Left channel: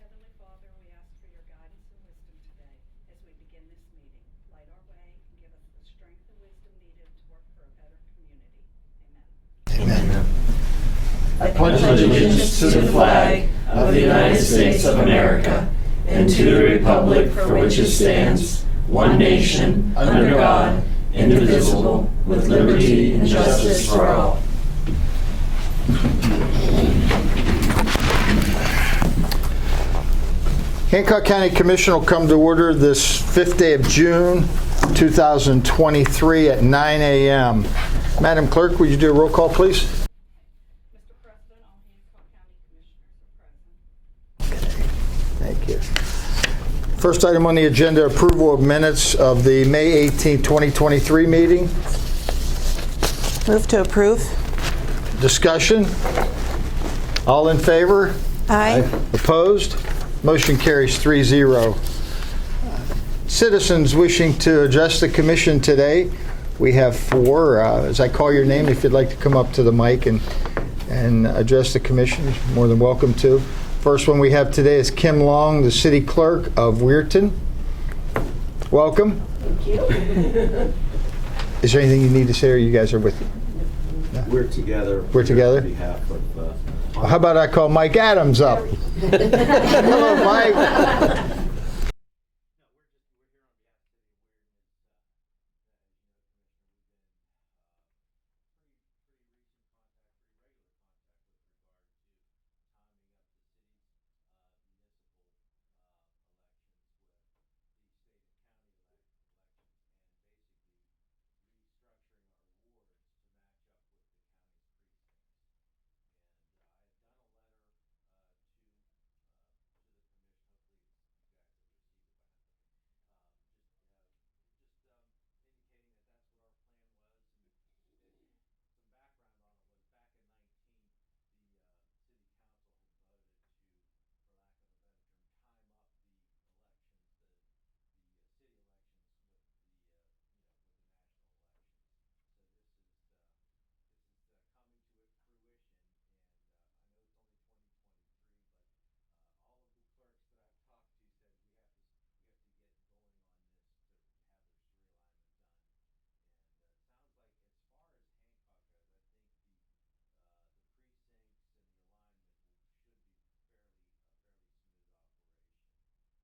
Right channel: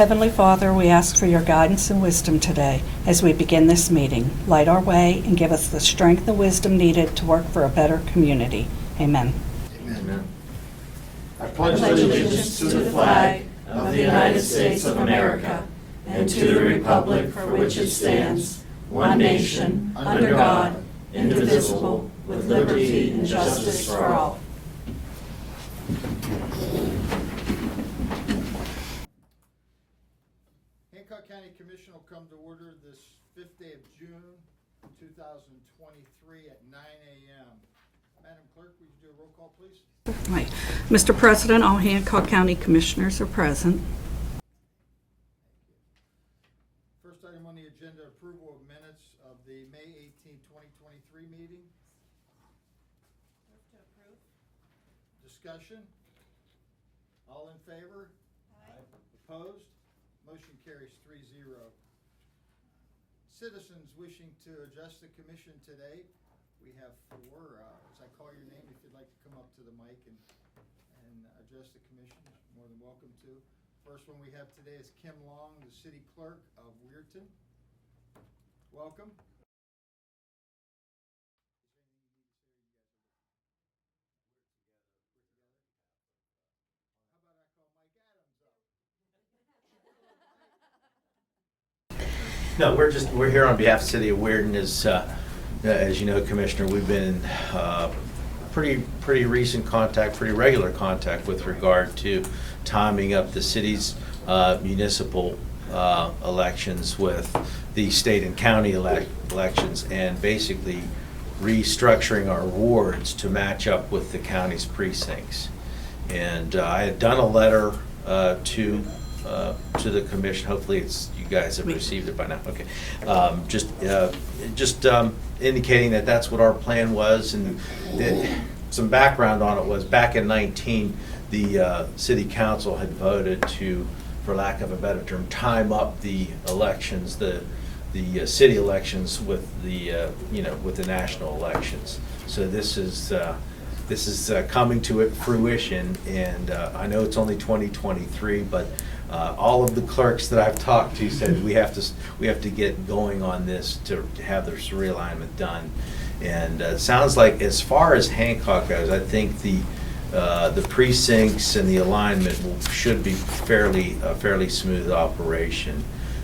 Heavenly Father, we ask for your guidance and wisdom today as we begin this meeting. Light our way and give us the strength and wisdom needed to work for a better community. Amen. Amen. I pledge allegiance to the flag of the United States of America and to the republic for which it stands, one nation, under God, indivisible, with liberty and justice for all. Hancock County Commission will come to order this 5th day of June, 2023 at 9 a.m. Madam Clerk, would you do a roll call, please? Right. Mr. President, all Hancock County Commissioners are present. Thank you. First item on the agenda, approval of minutes of the May 18, 2023 meeting. Move to approve. Discussion? All in favor? Aye. Opposed? Motion carries 3-0. Citizens wishing to address the commission today, we have 4. As I call your name, if you'd like to come up to the mic and address the commission, you're more than welcome to. First one we have today is Kim Long, the City Clerk of Weirton. Welcome. Thank you. Is there anything you need to say, or you guys are with? No? We're together. We're together? On behalf of, How about I call Mike Adams up? Hello, Mike. No, we're here on behalf of the City of Weirton. As you know, Commissioner, we've been in pretty recent contact, pretty regular contact with regard to timing up the city's municipal elections with the state and county elections, and basically restructuring our wards to match up with the county's precincts. And I had done a letter to the commission. Hopefully, you guys have received it by now. Okay, just indicating that that's what our plan was, and some background on it was back in 19, the city council had voted to, for lack of a better term, time up the elections, the city elections with the with the national elections. So this is coming to fruition, and I know it's only 2023, but all of the clerks that I've talked to said we have to get going on this to have this realignment done. And it sounds like, as far as Hancock goes, I think the precincts and the alignment should be a fairly smooth operation.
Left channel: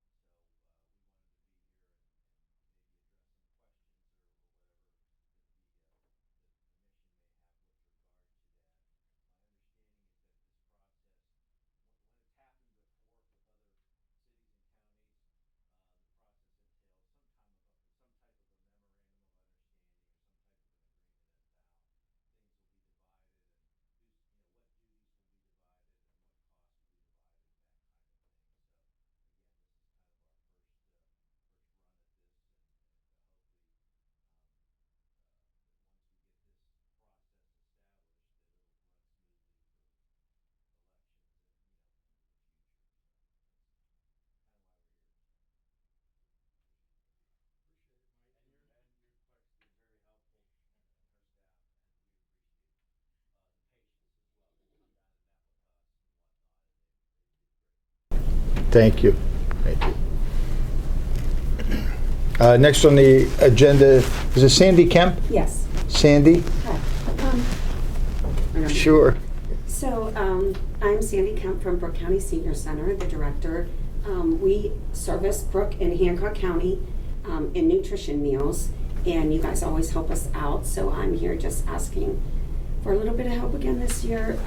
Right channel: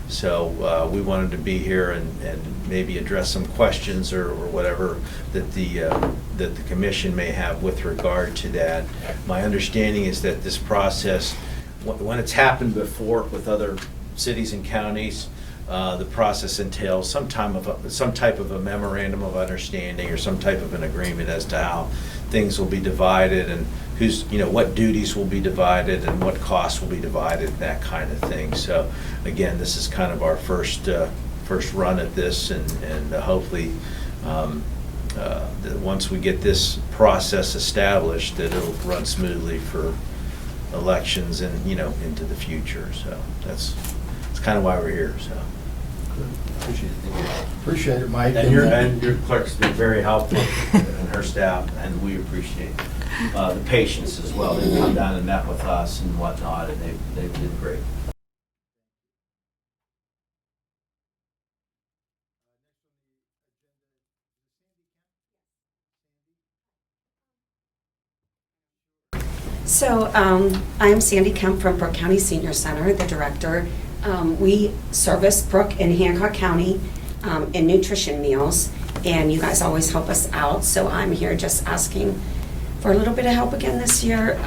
So we wanted to be here and maybe address some questions or whatever that the commission may have with regard to that. My understanding is that this process, when it's happened before with other cities and counties, the process entails some type of a memorandum of understanding or some type of an agreement as to how things will be divided, and what duties will be divided and what costs will be divided, that kind of thing. So again, this is kind of our first run at this, and hopefully that once we get this process established, that it'll run smoothly for elections and into the future. So that's kind of why we're here. So Appreciate it, Mike. and your clerk's been very helpful, and her staff, and we appreciate the patience as well. They've come down and met with us and whatnot, and they've been great. Thank you. Thank you. Next on the agenda, is it Sandy Kemp? Yes. Sandy? Hi. Sure. So I am Sandy Kemp from Brooke County Senior Center, the director. We service Brooke and Hancock County in nutrition meals, and you guys always help us out. So I'm here just asking for a little bit of help again this year.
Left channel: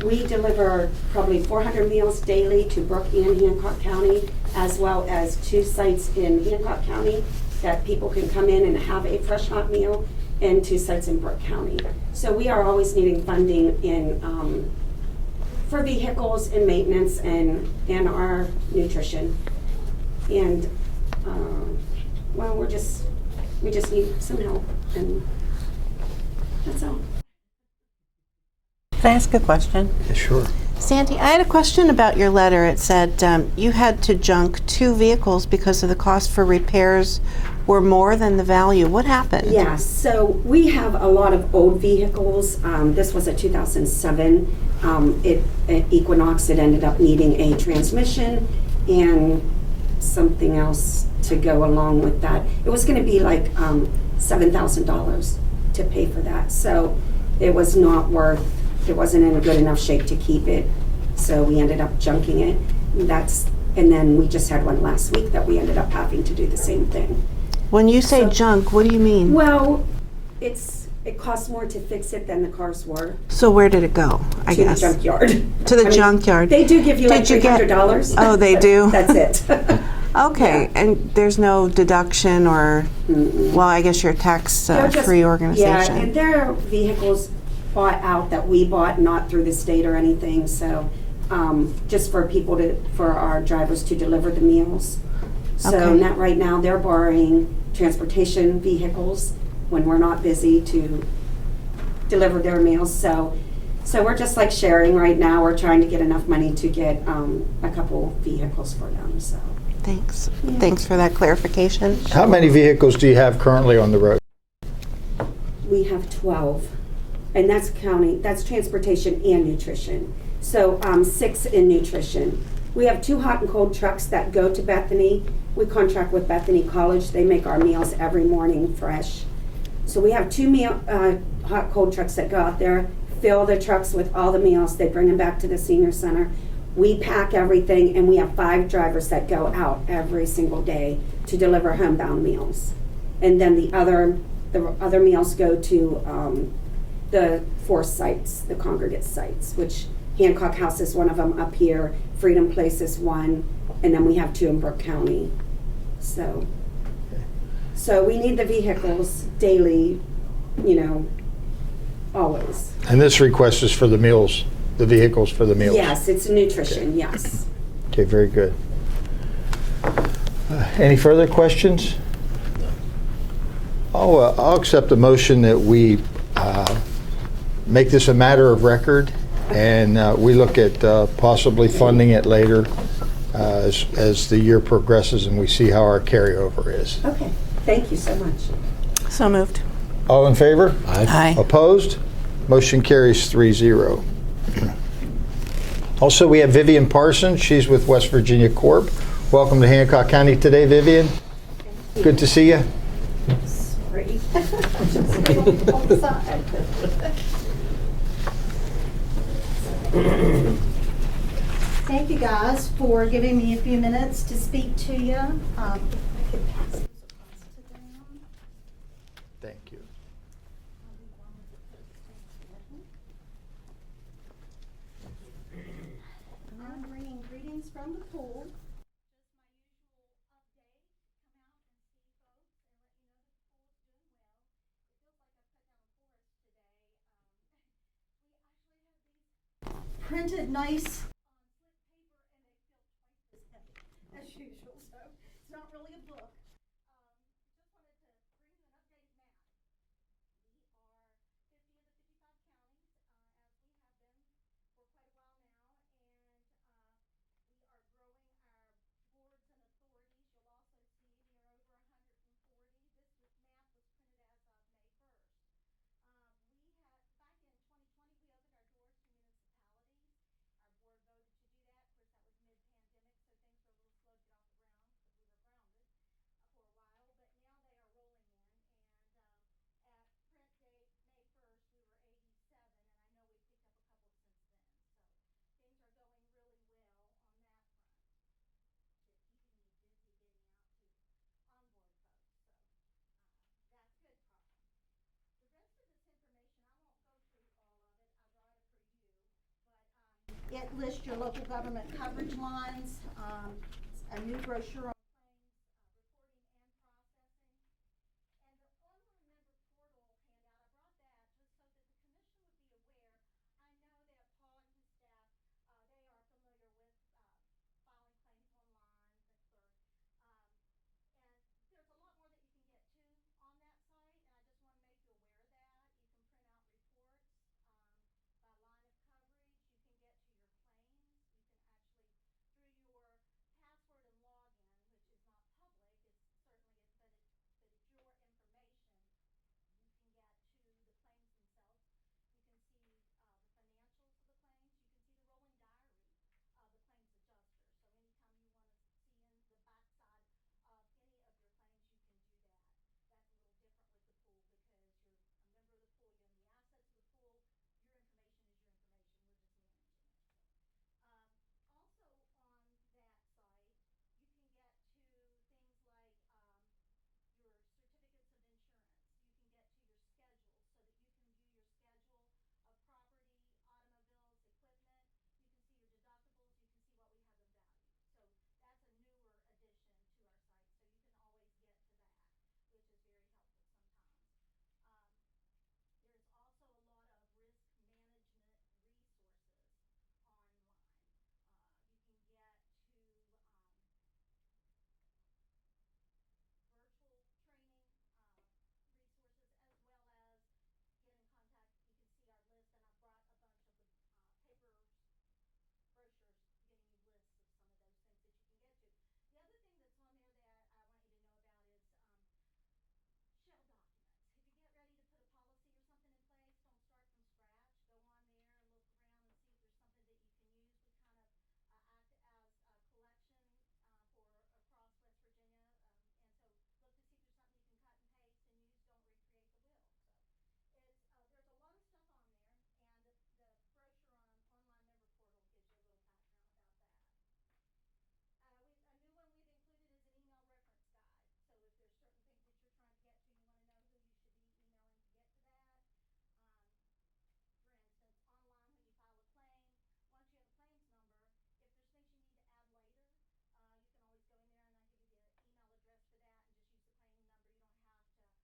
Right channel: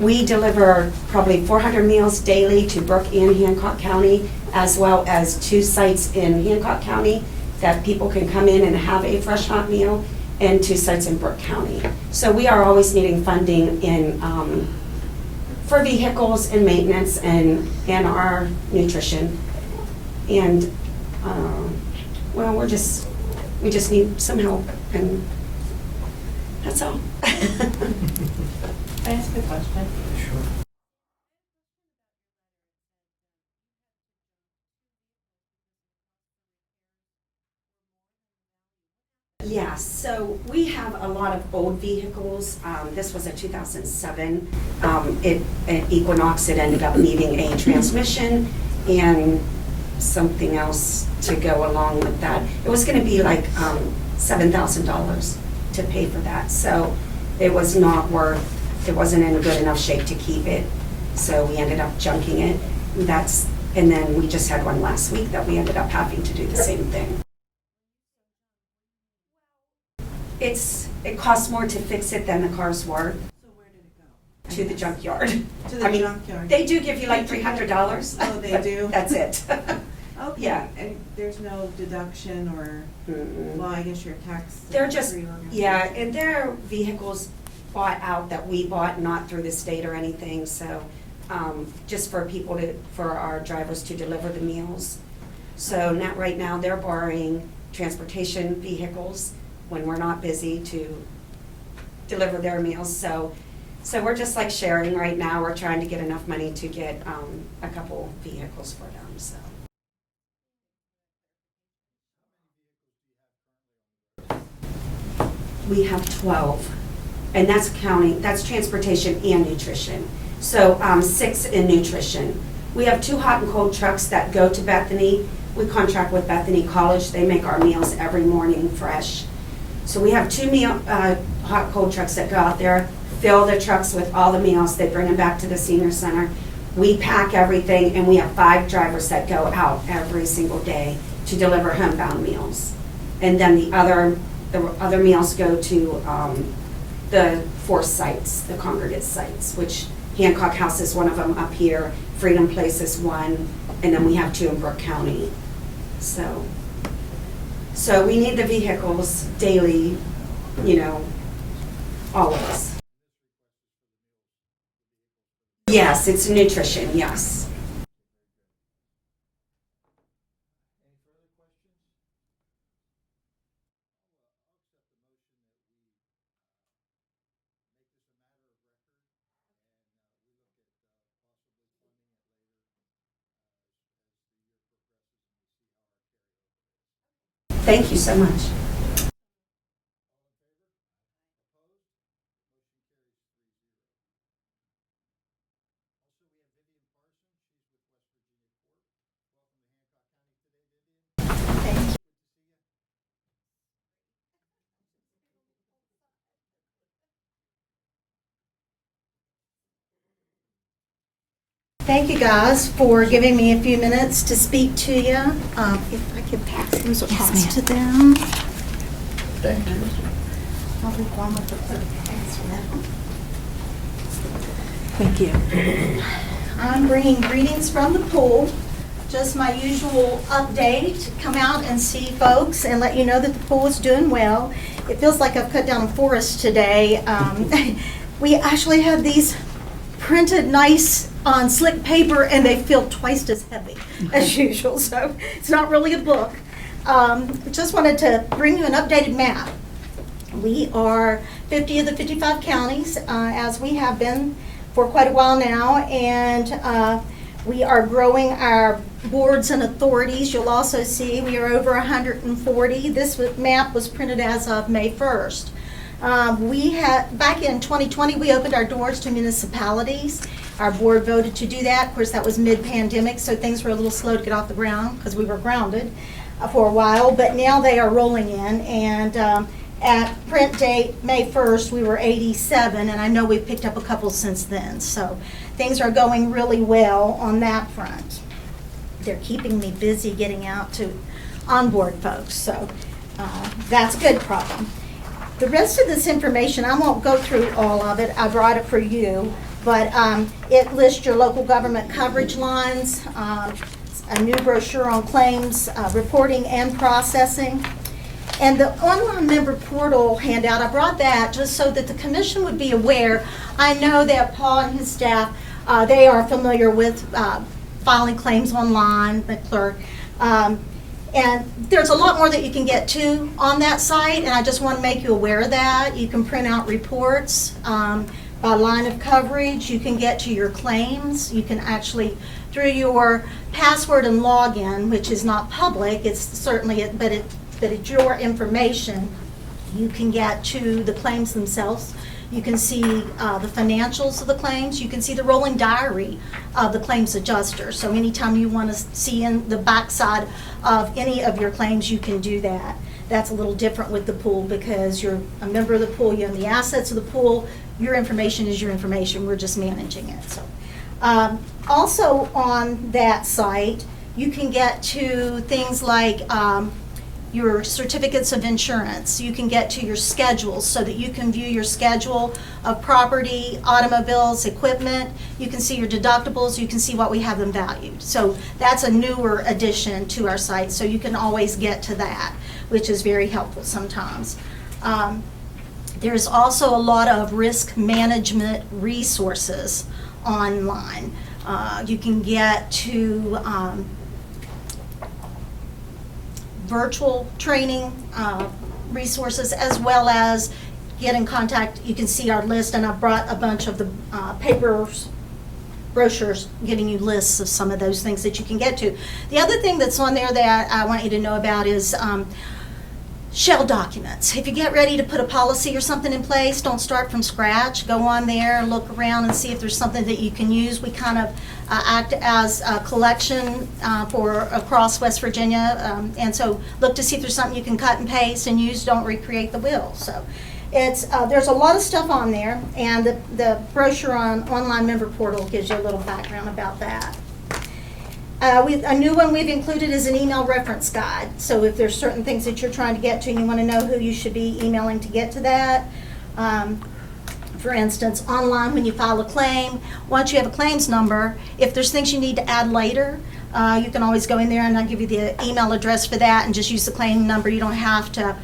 We deliver probably 400 meals daily to Brooke and Hancock County, as well as 2 sites in Hancock County that people can come in and have a fresh hot meal, and 2 sites in Brooke County. So we are always needing funding for vehicles and maintenance and our nutrition. And well, we just need some help, and that's all. Can I ask a question? Sure. Sandy, I had a question about your letter. It said you had to junk 2 vehicles because of the cost for repairs were more than the value. What happened? Yes, so we have a lot of old vehicles. This was a 2007 Equinox. It ended up needing a transmission and something else to go along with that. It was going to be like $7,000 to pay for that. So it was not worth, it wasn't in a good enough shape to keep it. So we ended up junking it. And then we just had one last week that we ended up having to do the same thing. When you say So- junk, what do you mean? Well, it costs more to fix it than the car's worth. So where did it go? I To the guess junkyard. To the I mean, junkyard. They do give you like Did you get- $300. Oh, they but do? That's it. Okay, Yeah. and there's no deduction or, well, I guess you're a They're just- tax-free organization. Yeah, and they're vehicles bought out that we bought, not through the state or anything, so just for people for our drivers to deliver the meals. So Okay. not right now, they're borrowing transportation vehicles when we're not busy to deliver their meals. So we're just like sharing right now. We're trying to get enough money to get a couple vehicles for them, so. Thanks. Thanks for that clarification. How many vehicles do you have currently on the road? We have 12, and that's transportation and nutrition. So 6 in nutrition. We have 2 hot and cold trucks that go to Bethany. We contract with Bethany College. They make our meals every morning fresh. So we have 2 hot cold trucks that go out there, fill the trucks with all the meals. They bring them back to the senior center. We pack everything, and we have 5 drivers that go out every single day to deliver homebound meals. And then the other meals go to the 4 sites, the congregate sites, which Hancock House is one of them up here, Freedom Place is one, and then we have 2 in Brooke County. So we need the vehicles daily, always. And this request is for the meals, the vehicles for the meals? Yes, it's nutrition, yes. Okay, very good. Any further questions? I'll accept a motion that we make this a matter of record, and we look at possibly funding it later as the year progresses and we see how our carryover is. Okay, thank you so much. So moved. All in favor? Aye. Opposed? Motion carries 3-0. Also, we have Vivian Parsons. She's with West Virginia Corp. Welcome to Hancock County today, Vivian. Thank you. Good to see you. Sorry. Just on the side. Thank you guys for giving me a few minutes to speak to you. If I could pass these across to them. Thank you. I'll leave one with the clerk. Thanks for that. Thank you. I'm bringing greetings from the pool. Just my usual update, come out and see folks and let you know that the pool is doing well. It feels like I've cut down a forest today. We actually had these printed nice on slick paper and they feel twice as heavy as usual, so it's not really a book. Just wanted to bring you an updated map. We are 50 of the 55 counties, as we have been for quite a while now, and we are growing our boards and authorities. You'll also see we are over 140. This map was printed as of May 1st. We had, back in 2020, we opened our doors to municipalities. Our board voted to do that. Of course, that was mid-pandemic, so things were a little slow to get off the ground because we were grounded for a while, but now they are rolling in, and at print date, May 1st, we were 87, and I know we've picked up a couple since then. So things are going really well on that front. They're keeping me busy getting out to onboard folks, so that's a good problem. The rest of this information, I won't go through all of it. I brought it for you, but it lists your local government coverage lines, a new brochure on claims, reporting and processing. And the online member portal handout, I brought that just so that the commission would be aware. I know that Paul and his staff, they are familiar with filing claims online, the clerk. And there's a lot more that you can get to on that site, and I just want to make you aware of that. You can print out reports by line of coverage. You can get to your claims. You can actually, through your password and login, which is not public, it's certainly, but it's your information, you can get to the claims themselves. You can see the financials of the claims. You can see the rolling diary of the claims adjuster. So anytime you want to see in the backside of any of your claims, you can do that. That's a little different with the pool because you're a member of the pool, you own the assets of the pool. Your information is your information. We're just managing it. So, also on that site, you can get to things like your certificates of insurance. You can get to your schedules so that you can view your schedule of property, automobiles, equipment. You can see your deductibles. You can see what we have them valued. So that's a newer addition to our site, so you can always get to that, which is very helpful sometimes. There's also a lot of risk management resources online. You can get to virtual training resources, as well as get in contact. You can see our list, and I brought a bunch of the brochures giving you lists of some of those things that you can get to. The other thing that's on there that I want you to know about is shell documents. If you get ready to put a policy or something in place, don't start from scratch. Go on there, look around and see if there's something that you can use. We kind of act as a collection for across West Virginia, and so look to see if there's something you can cut and paste and use. Don't recreate the wheel. So it's there's a lot of stuff on there, and the brochure on online member portal gives you a little background about that. A new one we've included is an email reference guide. So if there's certain things that you're trying to get to and you want to know who you should be emailing to get to that. For instance, online when you file a claim, once you have a claims number, if there's things you need to add later, you can always go in there and I'll give you the email address for that and just use the claim number. You don't have to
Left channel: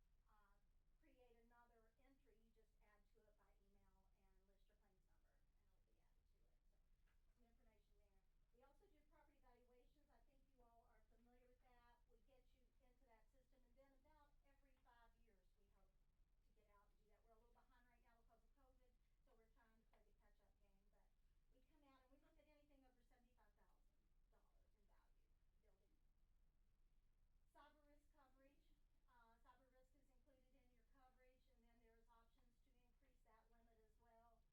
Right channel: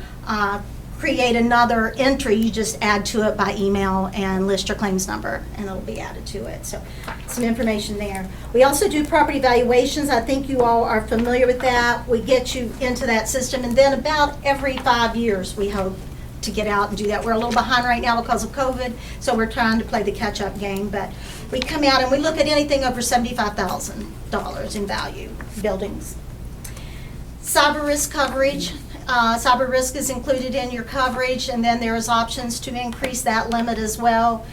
create another entry. You just add to it by email and list your claims number and it'll be added to it. So some information there. We also do property valuations. I think you all are familiar with that. We get you into that system, and then about every 5 years we hope to get out and do that. We're a little behind right now because of COVID, so we're trying to play the catch-up game, but we come out and we look at anything over $75,000 in value, buildings. Cyber risk coverage. Cyber risk is included in your coverage, and then there's options to increase that limit as well.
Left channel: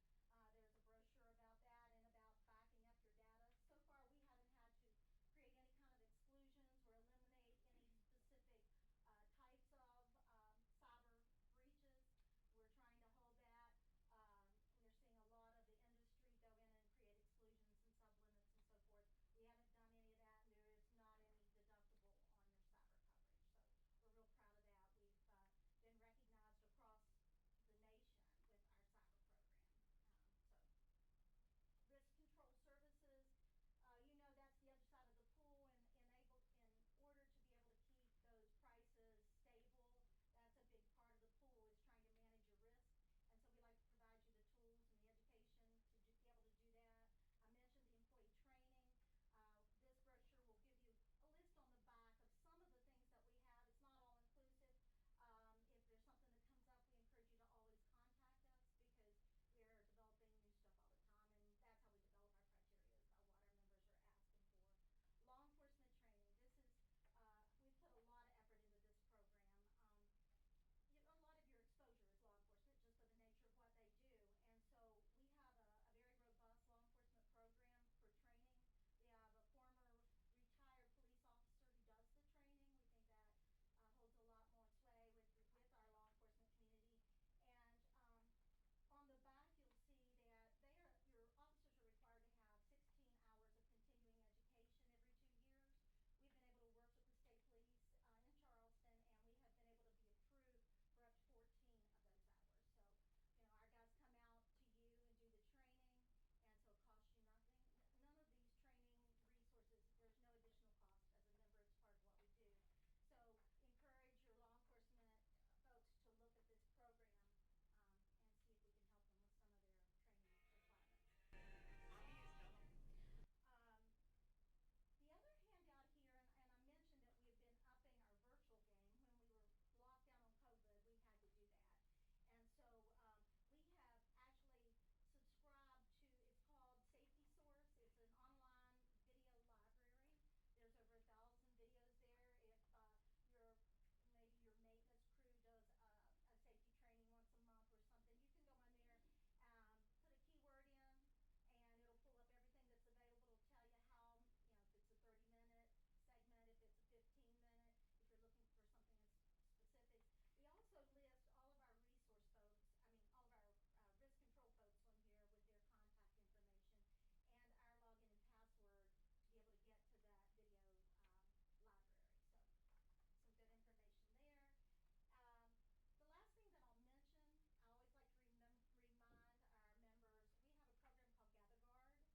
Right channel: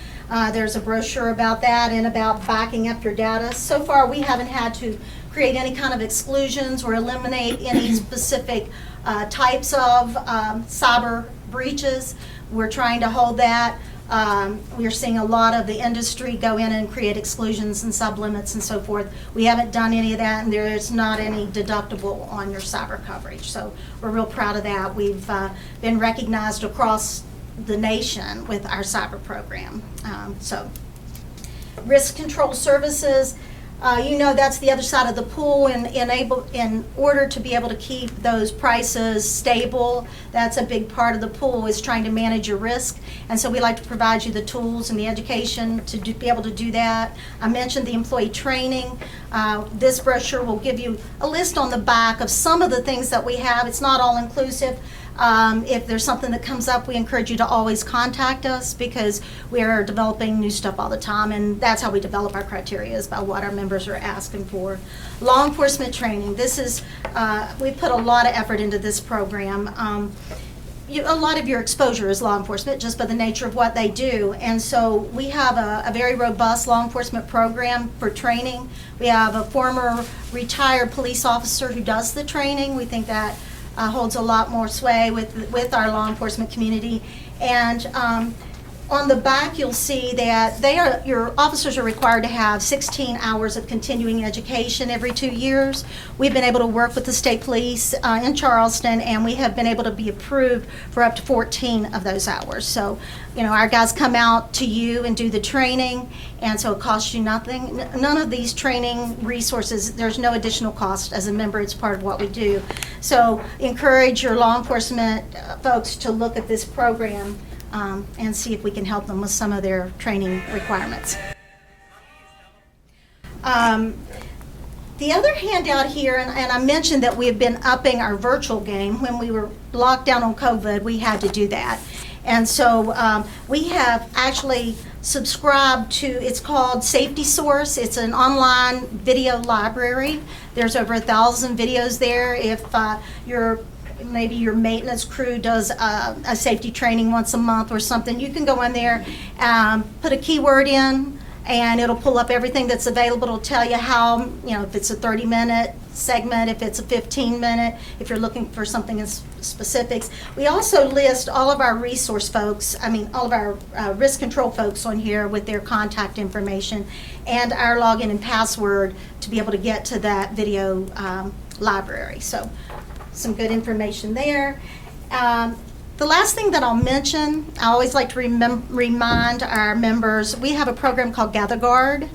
There's a brochure about that and about backing up your data. So far, we haven't had to create any kind of exclusions or eliminate any specific types of cyber breaches. We're trying to hold that. We're seeing a lot of the industry go in and create exclusions and sublimits and so forth. We haven't done any of that, and there is not any deductible on your cyber coverage. So we're real proud of that. We've been recognized across the nation with our cyber program. So risk control services, you know, that's the other side of the pool, and in order to be able to keep those prices stable, that's a big part of the pool, is trying to manage your risk. And so we like to provide you the tools and the education to be able to do that. I mentioned the employee training. This brochure will give you a list on the back of some of the things that we have. It's not all inclusive. If there's something that comes up, we encourage you to always contact us, because we are developing new stuff all the time, and that's how we develop our criteria, is by what our members are asking for. Law enforcement training. This is, we put a lot of effort into this program. A lot of your exposure is law enforcement just by the nature of what they do, and so we have a very robust law enforcement program for training. We have a former retired police officer who does the training. We think that holds a lot more sway with our law enforcement community. And on the back, you'll see that your officers are required to have 16 hours of continuing education every 2 years. We've been able to work with the state police in Charleston, and we have been able to be approved for up to 14 of those hours. So, you know, our guys come out to you and do the training, and so it costs you nothing. None of these training resources, there's no additional cost. As a member, it's part of what we do. So encourage your law enforcement folks to look at this program and see if we can help them with some of their training requirements. The other handout here, and I mentioned that we have been upping our virtual game. When we were locked down on COVID, we had to do that. And so we have actually subscribe to, it's called Safety Source. It's an online video library. There's over 1,000 videos there. If maybe your maintenance crew does a safety training once a month or something, you can go in there, put a keyword in, and it'll pull up everything that's available. It'll tell you how, if it's a 30-minute segment, if it's a 15-minute, if you're looking for something in specifics. We also list all of our resource folks, all of our risk control folks on here with their contact information and our login and password to be able to get to that video library. So some good information there. The last thing that I'll mention, I always like to remind our members, we have a program called GatherGuard.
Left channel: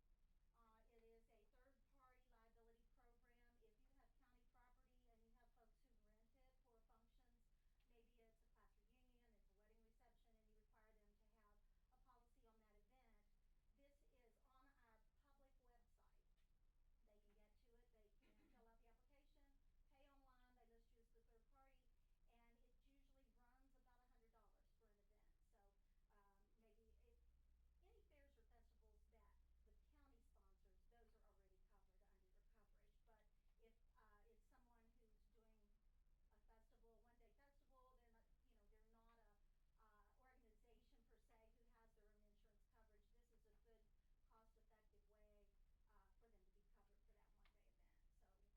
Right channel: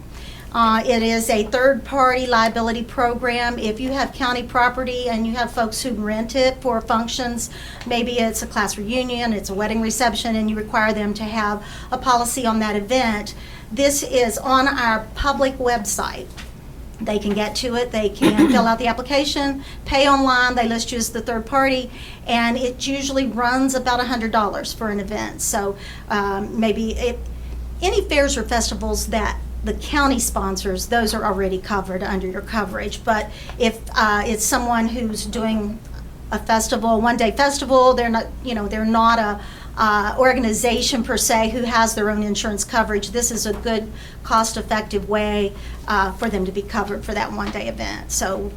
It is a third-party liability program. If you have county property and you have folks who rent it for functions, maybe it's a class reunion, it's a wedding reception, and you require them to have a policy on that event, this is on our public website. They can get to it, they can fill out the application, pay online, they list you as the third party, and it usually runs about $100 for an event. So any fairs or festivals that the county sponsors, those are already covered under your coverage. But if it's someone who's doing a festival, one-day festival, they're not a organization per se who has their own insurance coverage, this is a good cost-effective way for them to be covered for that one-day event. So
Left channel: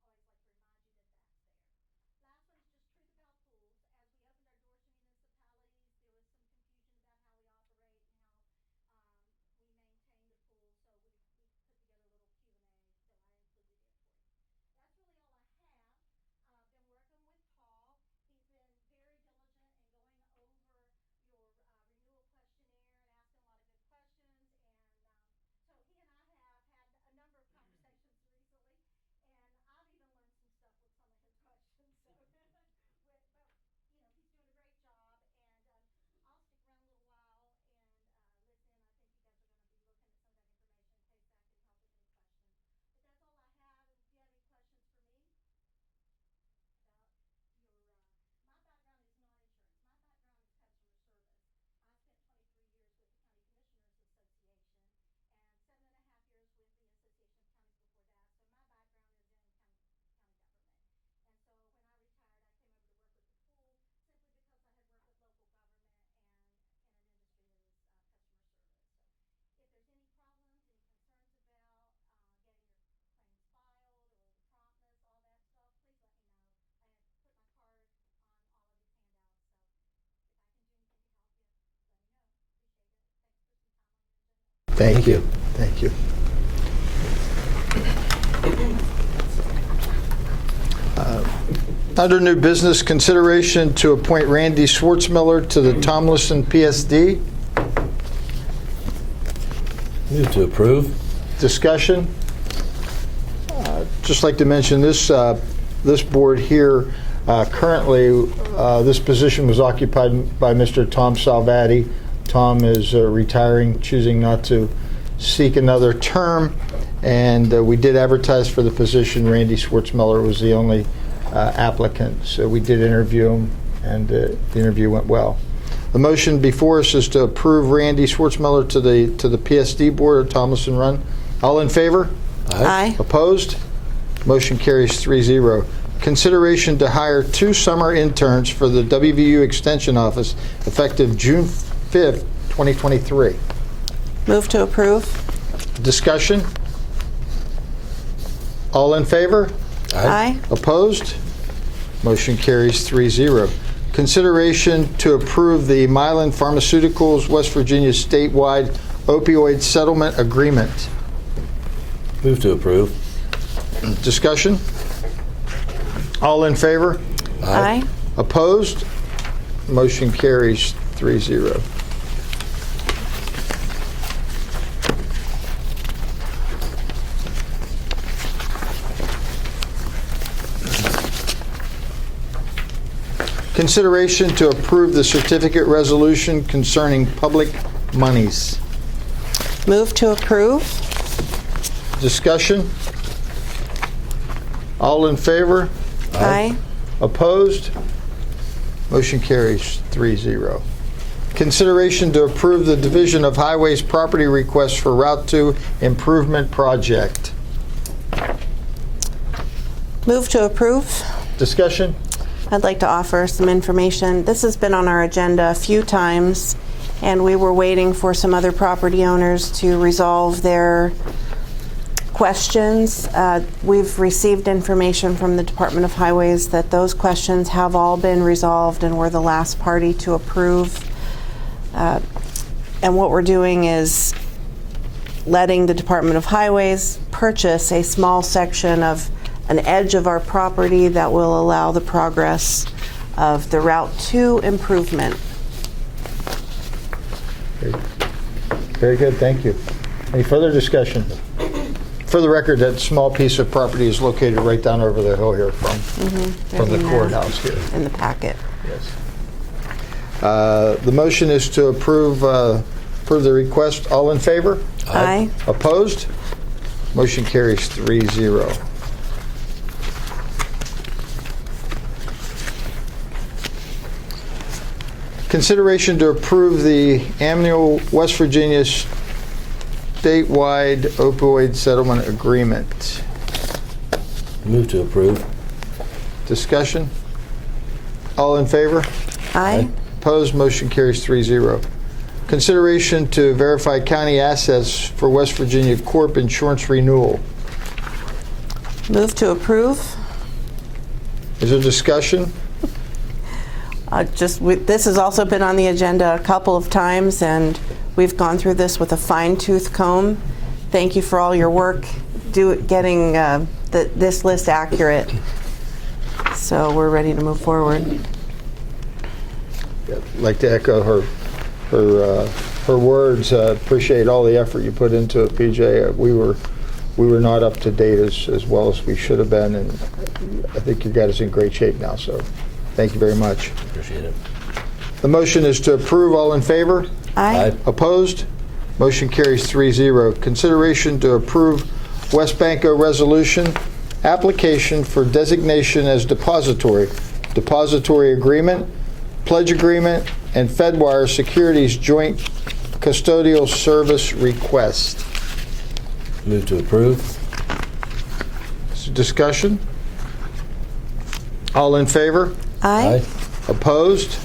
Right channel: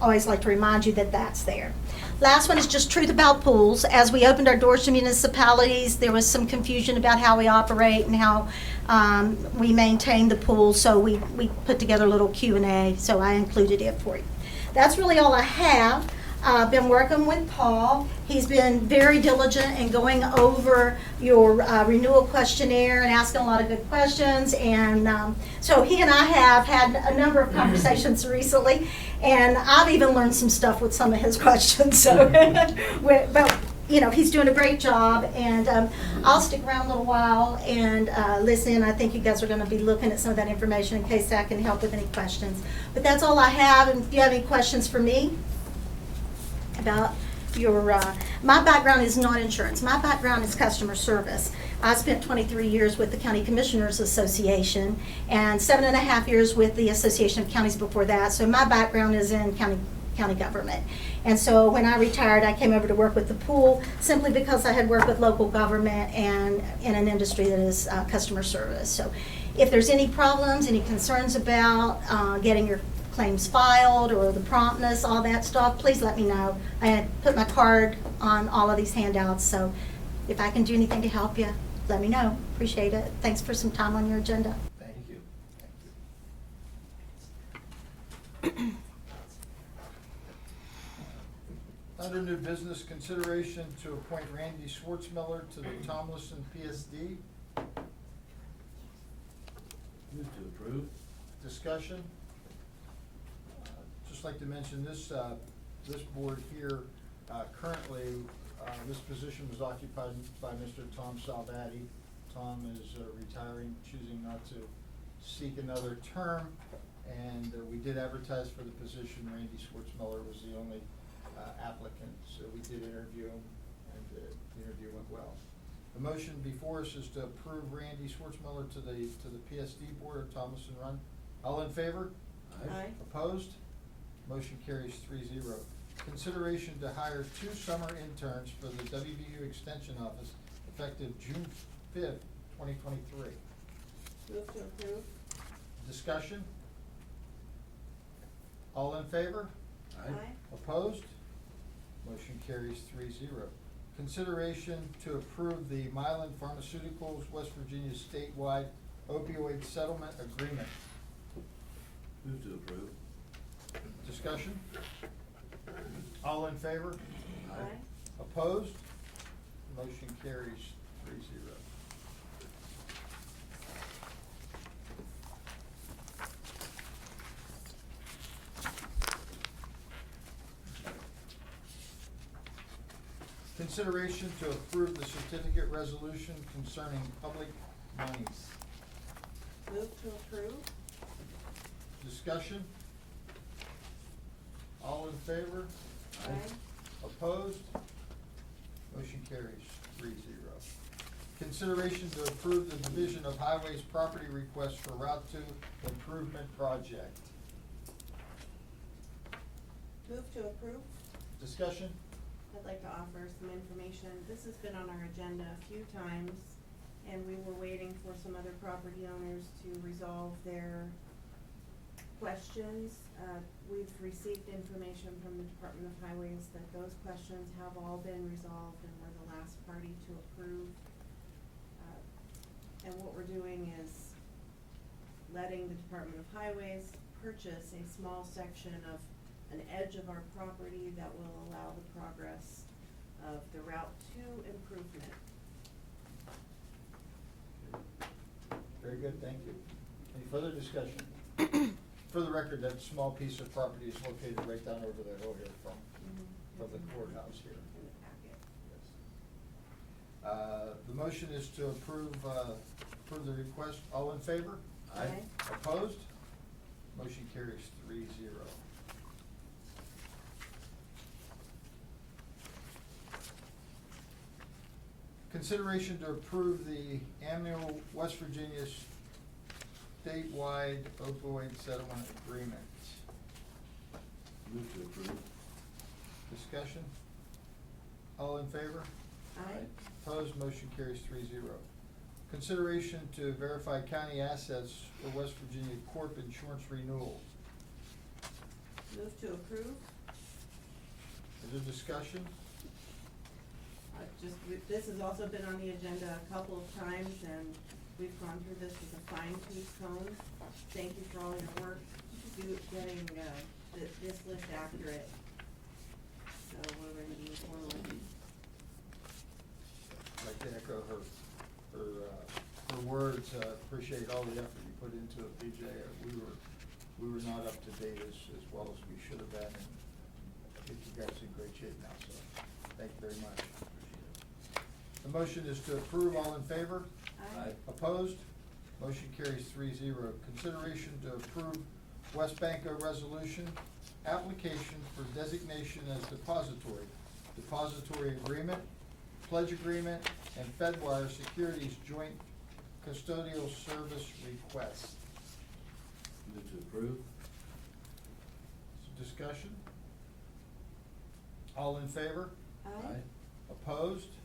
always like to remind you that that's there. Last one is just truth about pools. As we opened our doors to municipalities, there was some confusion about how we operate and how we maintain the pool, so we put together a little Q&A, so I included it for you. That's really all I have. I've been working with Paul. He's been very diligent in going over your renewal questionnaire and asking a lot of good questions. And so he and I have had a number of conversations recently, and I've even learned some stuff with some of his questions. So, but he's doing a great job, and I'll stick around a little while and listen. I think you guys are going to be looking at some of that information in case I can help with any questions. But that's all I have. And if you have any questions for me about my background is not insurance. My background is customer service. I spent 23 years with the County Commissioners Association and 7.5 years with the Association of Counties before that. So my background is in county government. And so when I retired, I came over to work with the pool simply because I had worked with local government and in an industry that is customer service. So if there's any problems, any concerns about getting your claims filed or the promptness, all that stuff, please let me know. I put my card on all of these handouts, so if I can do anything to help you, let me know. Appreciate it. Thanks for some time on your agenda. Thank you. Thank you. Under new business, consideration to appoint Randy Schwartzmiller to the Tomlinson PSD. Move to approve. Discussion. Just like to mention this board here, currently this position was occupied by Mr. Tom Salvati. Tom is retiring, choosing not to seek another term, and we did advertise for the position. Randy Schwartzmiller was the only applicant, so we did interview him, and the interview went well. The motion before us is to approve Randy Schwartzmiller to the PSD board of Tomlinson Run. All in favor? Aye. Opposed? Motion carries 3-0. Consideration to hire 2 summer interns for the WVU Extension Office effective June 5th, 2023. Move to approve. Discussion? All in favor? Aye. Opposed? Motion carries 3-0. Consideration to approve the Mylan Pharmaceuticals West Virginia statewide opioid settlement agreement. Move to approve. Discussion? All in favor? Aye. Opposed? Motion carries 3-0. Consideration to approve the certificate resolution concerning public monies. Move to approve. Discussion? All in favor? Aye. Opposed? Motion carries 3-0. Consideration to approve the Division of Highways property request for Route 2 Improvement Project. Move to approve. Discussion? I'd like to offer some information. This has been on our agenda a few times, and we were waiting for some other property owners to resolve their questions. We've received information from the Department of Highways that those questions have all been resolved, and we're the last party to approve. And what we're doing is letting the Department of Highways purchase a small section of an edge of our property that will allow the progress of the Route 2 improvement. Very good, thank you. Any further discussion? For the record, that small piece of property is located right down over the hill here from the courthouse here. In the packet. Yes. The motion is to approve the request. All in favor? Aye. Opposed? Motion carries 3-0. Consideration to approve the annual West Virginia statewide opioid settlement agreement. Move to approve. Discussion? All in favor? Aye. Opposed? Motion carries 3-0. Consideration to verify county assets for West Virginia Corp. Insurance renewal. Move to approve. Is there discussion? This has also been on the agenda a couple of times, and we've gone through this with a fine-tooth comb. Thank you for all your work getting this list accurate. So we're ready to move forward. I'd like to echo her words. Appreciate all the effort you put into it, PJ. We were not up to date as well as we should have been, and I think you got us in great shape now. So, thank you very much. Appreciate it. The motion is to approve. All in favor? Aye. Opposed? Motion carries 3-0. Consideration to approve West Banco resolution application for designation as depository agreement, pledge agreement, and Fedwire Securities joint custodial service request. Move to approve. Discussion? All in favor? Aye. Opposed?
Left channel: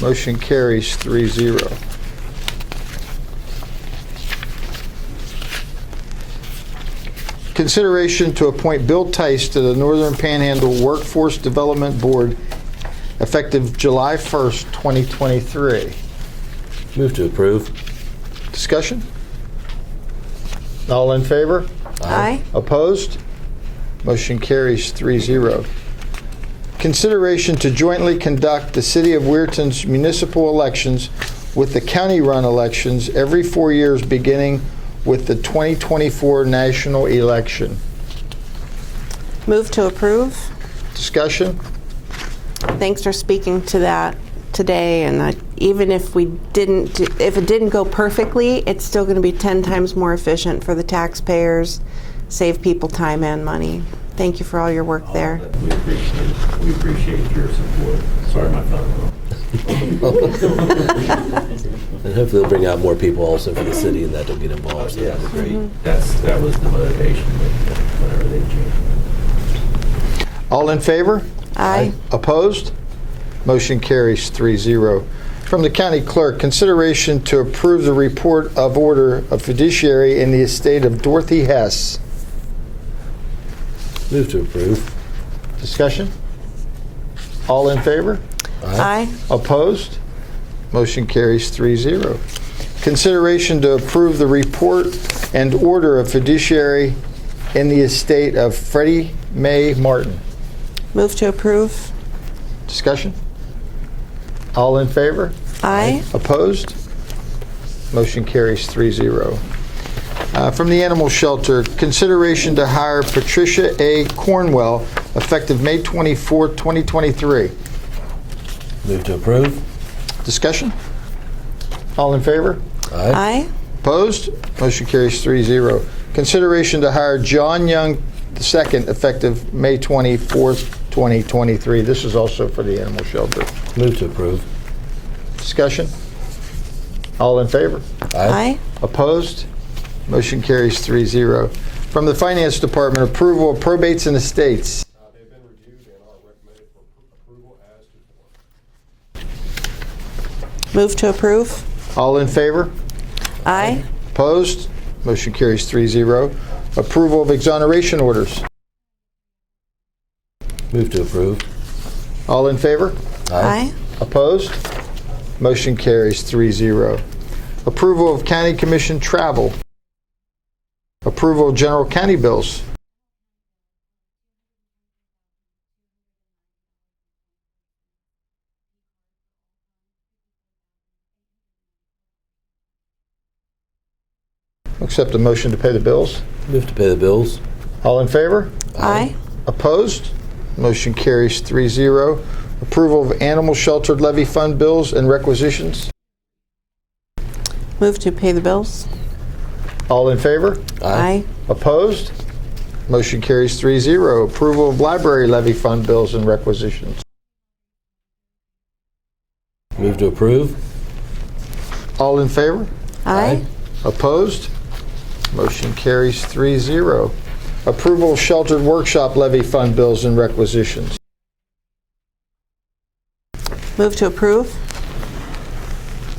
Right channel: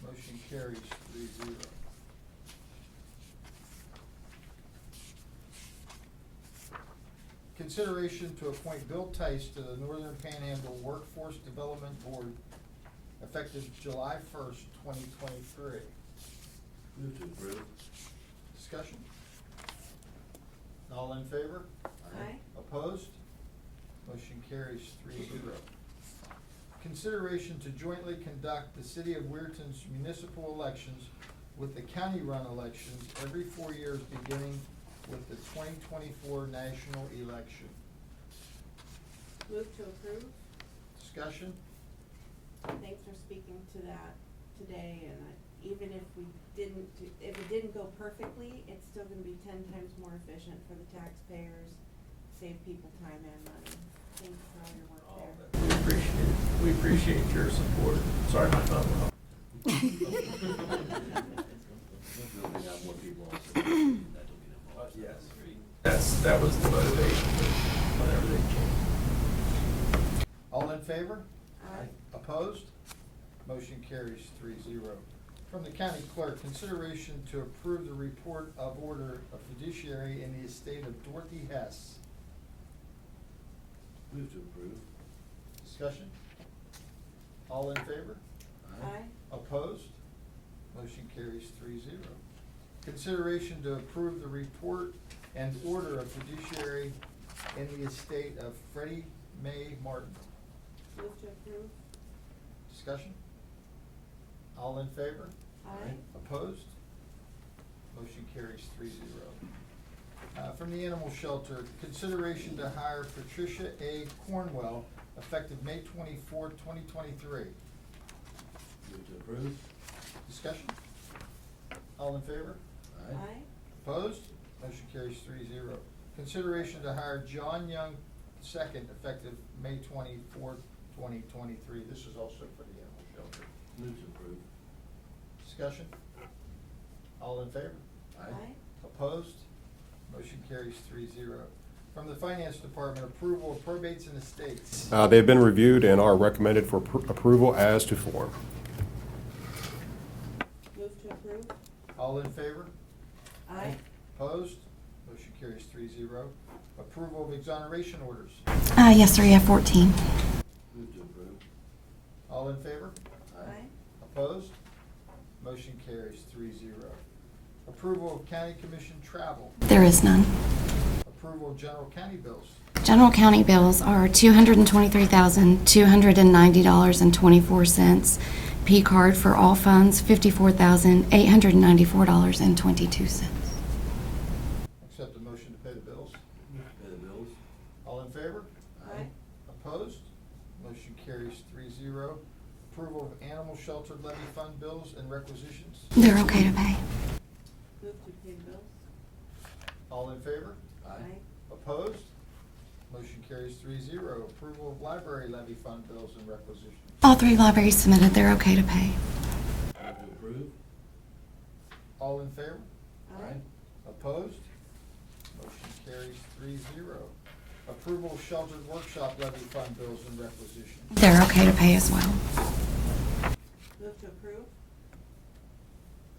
Motion carries 3-0. Consideration to appoint Bill Tice to the Northern Panhandle Workforce Development Board effective July 1st, 2023. Move to approve. Discussion? All in favor? Aye. Opposed? Motion carries 3-0. Consideration to jointly conduct the City of Weirton's municipal elections with the county-run elections every 4 years beginning with the 2024 national election. Move to approve. Discussion? Thanks for speaking to that today. And even if it didn't go perfectly, it's still going to be 10 times more efficient for the taxpayers, save people time and money. Thank you for all your work there. We appreciate your support. Sorry, my phone went off. And hopefully they'll bring out more people also from the city and that'll get involved, so that'd be great. That was the motivation whenever they changed. All in favor? Aye. Opposed? Motion carries 3-0. From the county clerk, consideration to approve the report of order of fiduciary in the estate of Dorothy Hess. Move to approve. Discussion? All in favor? Aye. Opposed? Motion carries 3-0. Consideration to approve the report and order of fiduciary in the estate of Freddie Mae Martin. Move to approve. Discussion? All in favor? Aye. Opposed? Motion carries 3-0. From the animal shelter, consideration to hire Patricia A. Cornwell effective May 24, 2023. Move to approve. Discussion? All in favor? Aye. Opposed? Motion carries 3-0. Consideration to hire John Young II effective May 24, 2023. This is also for the animal shelter. Move to approve. Discussion? All in favor? Aye. Opposed? Motion carries 3-0. From the Finance Department, approval of probates and estates. They've been reviewed and are recommended for approval as to form. Move to approve. All in favor? Aye. Opposed? Motion carries 3-0. Approval of exoneration orders. Yes, sir, you have 14. Move to approve. All in favor? Aye. Opposed? Motion carries 3-0. Approval of County Commission travel. There is none. Approval of general county bills. General county bills are $223,290.24. P card for all funds, $54,894.22. Accept a motion to pay the bills. Move to pay the bills. All in favor? Aye. Opposed? Motion carries 3-0. Approval of animal shelter levy fund bills and requisitions. They're okay to pay. Move to pay the bills. All in favor? Aye. Opposed? Motion carries 3-0. Approval of library levy fund bills and requisitions. All 3 libraries submitted, they're okay to pay. Move to approve. All in favor? Aye. Opposed? Motion carries 3-0. Approval of sheltered workshop levy fund bills and requisitions. They're okay to pay as well. Move to approve.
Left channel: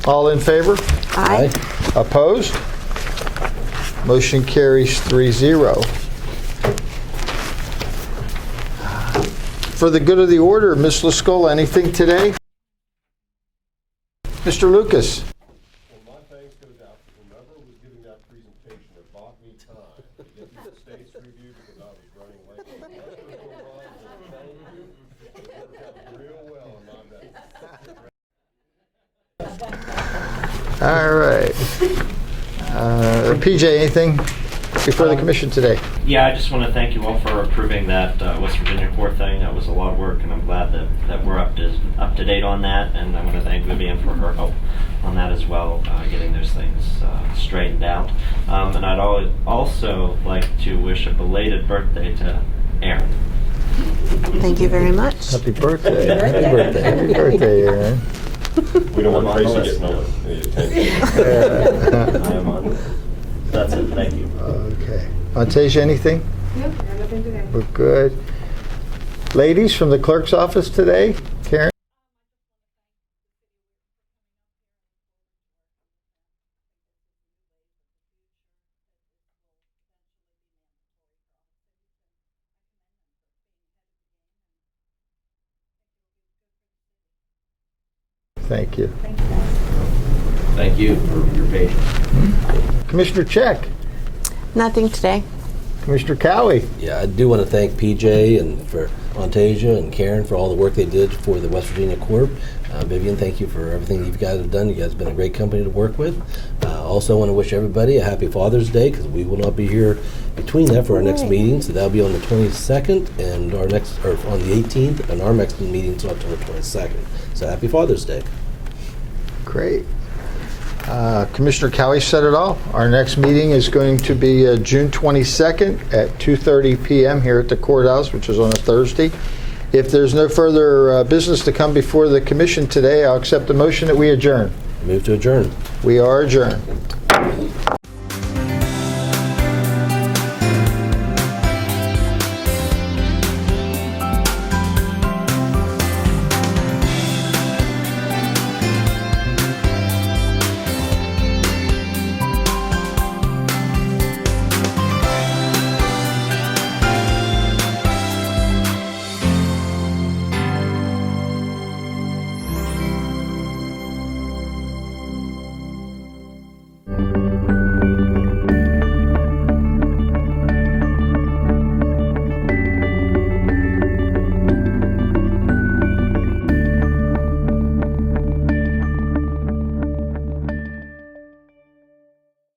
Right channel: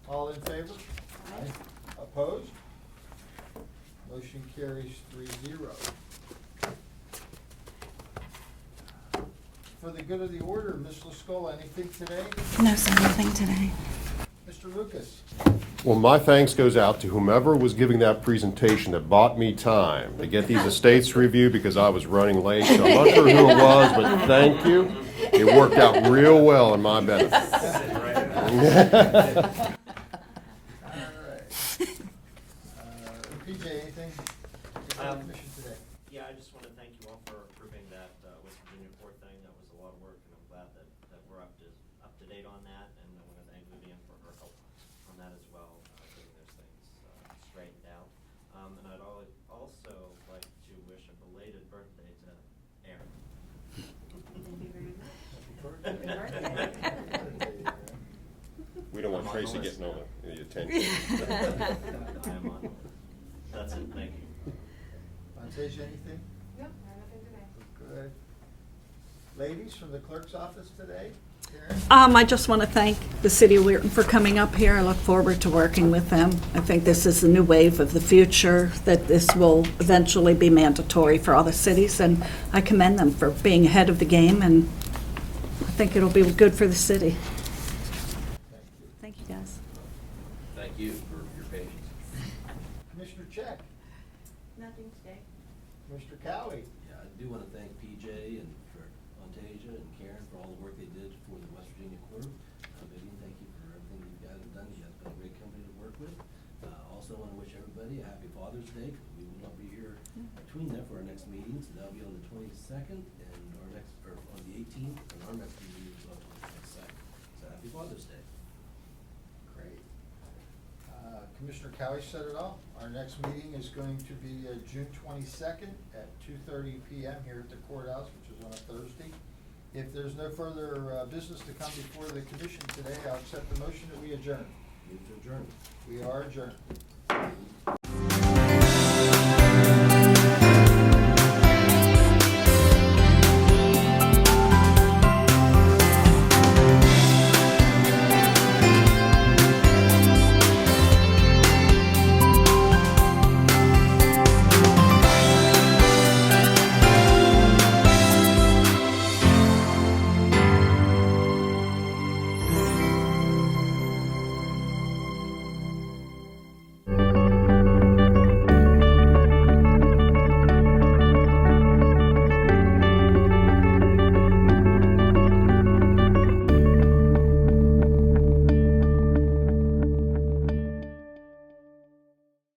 All in favor? Aye. Opposed? Motion carries 3-0. For the good of the order, Ms. Lascola, anything today? No, sir, nothing today. Mr. Lucas? Well, my thanks goes out to whomever was giving that presentation that bought me time to get these estates reviewed because I was running late. So I'm not sure who it was, but thank you. It worked out real well in my benefit. All right. PJ, anything before the commission today? Yeah, I just want to thank you all for approving that West Virginia core thing. That was a lot of work, and I'm glad that we're up to date on that. And I want to thank Vivian for her help on that as well, getting those things straightened out. And I'd also like to wish a belated birthday to Aaron. Thank you very much. Happy birthday. Happy birthday. Happy birthday, Aaron. We don't want Tracy getting any attention. I am on. That's it. Thank you. Okay. Montasia, anything? Nope, nothing today. We're good. Ladies from the clerk's office today? Karen? I just want to thank the City of Weirton for coming up here. I look forward to working with them. I think this is the new wave of the future, that this will eventually be mandatory for all the cities, and I commend them for being ahead of the game, and I think it'll be good for the city. Thank you. Thank you, guys. Thank you for your patience. Commissioner Check. Nothing today. Commissioner Cowie. Yeah, I do want to thank PJ and for Montasia and Karen for all the work they did for the West Virginia Corp. Vivian, thank you for everything you guys have done. You guys have been a great company to work with. Also want to wish everybody a happy Father's Day, because we will not be here between that for our next meeting. So that'll be on the 22nd and on the 18th, and our next meeting is October 22nd. So happy Father's Day. Great. Commissioner Cowie said it all. Our next meeting is going to be June 22nd at 2:30 p.m. here at the courthouse, which is on a Thursday. If there's no further business to come before the commission today, I'll accept the motion that we adjourn. Move to adjourn. We are adjourned.